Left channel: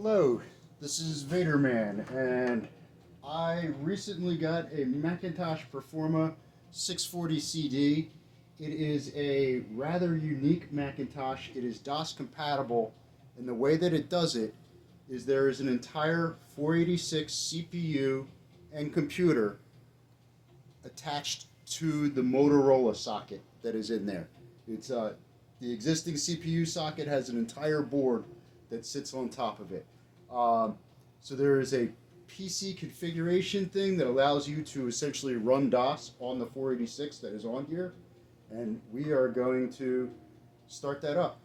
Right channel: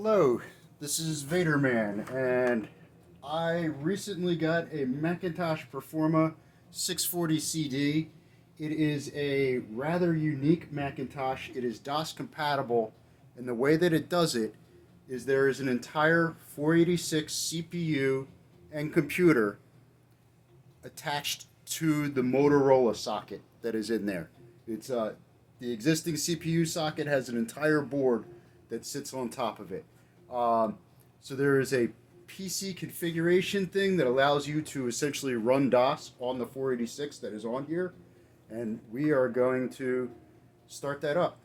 Hello, this is Vaderman, and I recently got a Macintosh Performa 640 CD. It is a rather unique Macintosh. It is DOS compatible, and the way that it does it is there is an entire 486 CPU and computer attached to the Motorola socket that is in there. It's the existing CPU socket has an entire board that sits on top of it. So there is a PC configuration thing that allows you to essentially run DOS on the 486 that is on here, and we are going to start that up.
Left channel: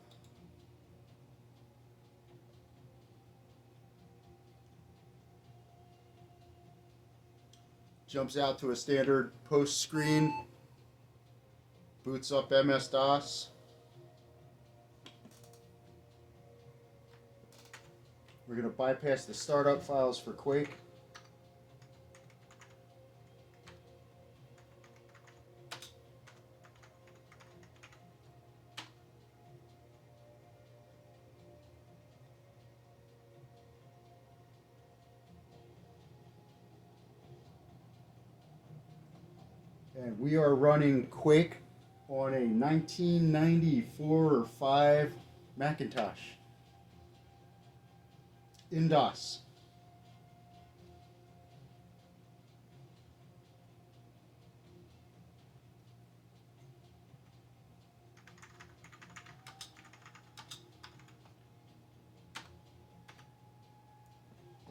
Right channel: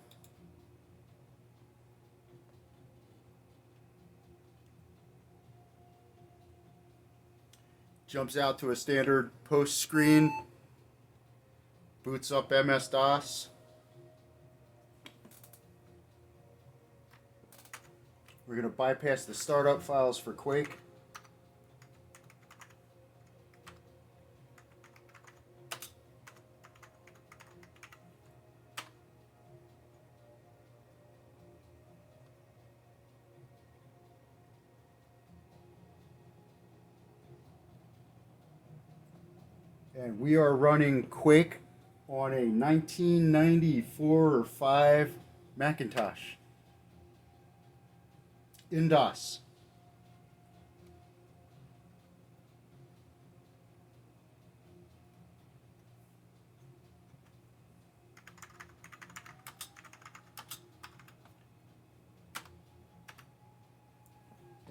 Jumps out to a standard post screen, boots up MS-DOS. We're going to bypass the startup files for Quake. And we are running Quake on a 1994 or 5 Macintosh in DOS.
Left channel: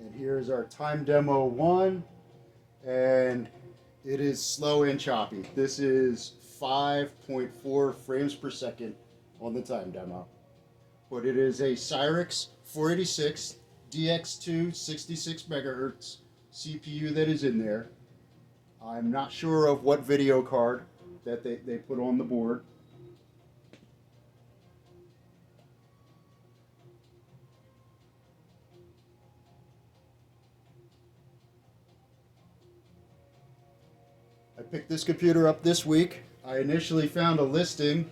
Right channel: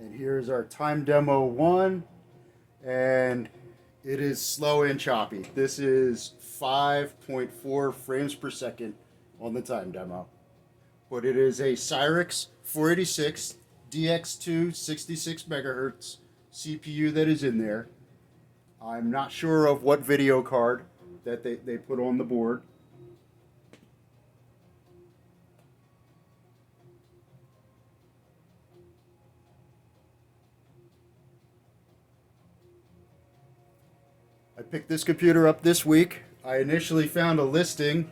And here's our time demo 1, and it is slow and choppy. This is 5.4 frames per second on the time demo. But it is a Cyrix 486 DX2 66 megahertz CPU that is in there. I'm not sure of what video card that they put on the board. I picked this computer up this week. I initially found a listing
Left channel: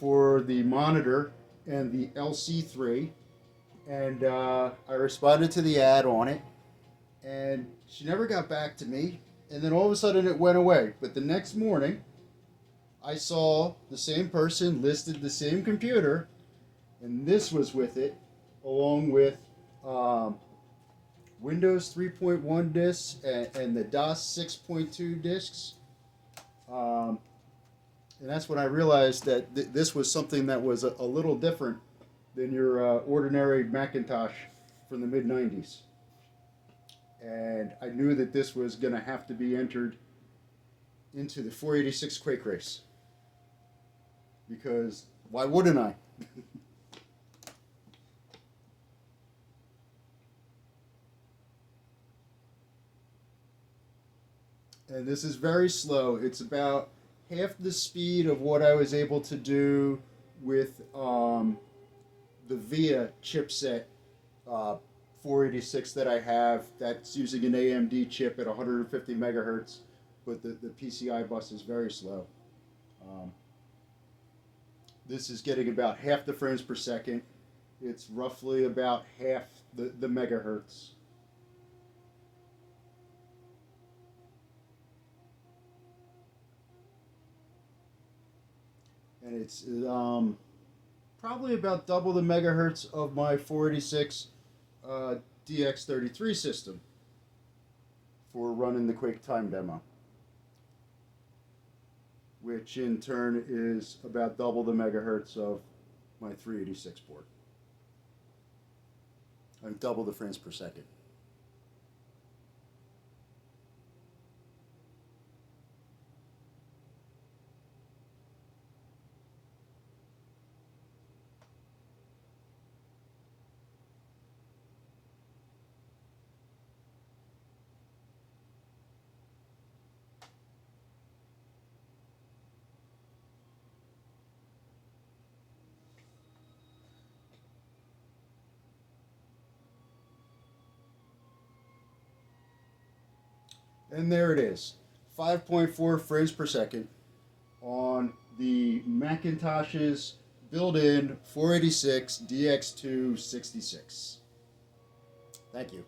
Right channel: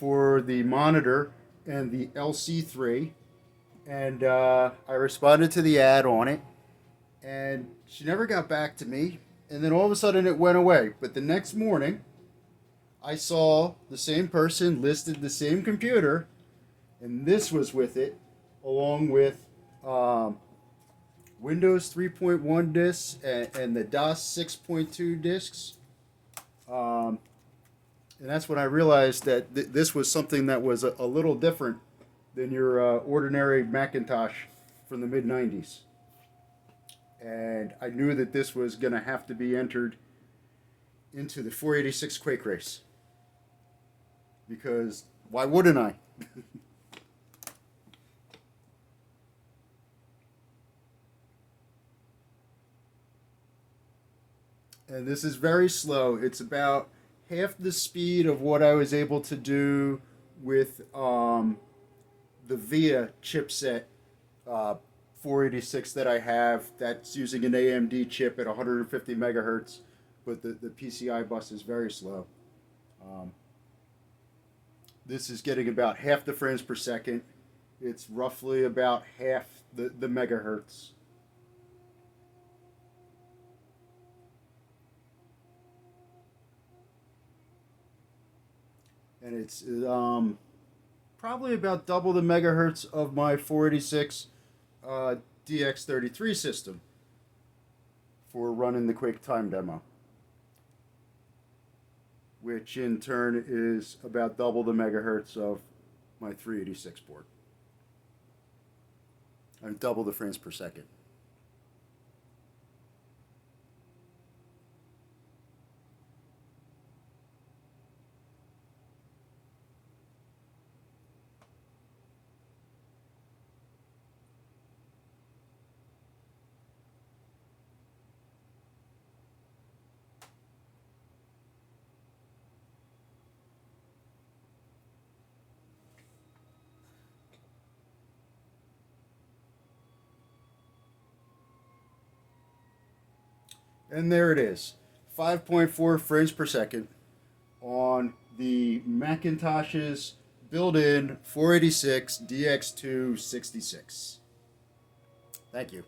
for the monitor and the LC3, and I responded to the ad on it, and she never got back to me, and then all of a sudden it went away. But the next morning, I saw the same person listed the same computer, and this was with it, along with Windows 3.1 discs and the DOS 6.2 discs. And that's when I realized that this was something that was a little different than your ordinary Macintosh from the mid-90s. And I knew that this was going to have to be entered into the 486 QuakeRace. Because why wouldn't I? And this is very slow. It's about half the speed of what I was able to do with the VIA chipset 486 that I have. That's using an AMD chip at 150 megahertz, but the PCI bus is very slow. This is getting about half the frames per second. It's roughly about half the megahertz. And it's probably about double the megahertz of my 486 DX33 system for running the Quake time demo, which in turn is about double the megahertz of my 386 board. I double the frames per second. And there it is, 5.4 frames per second on the Macintosh's built-in 486 DX2 66. Thank you.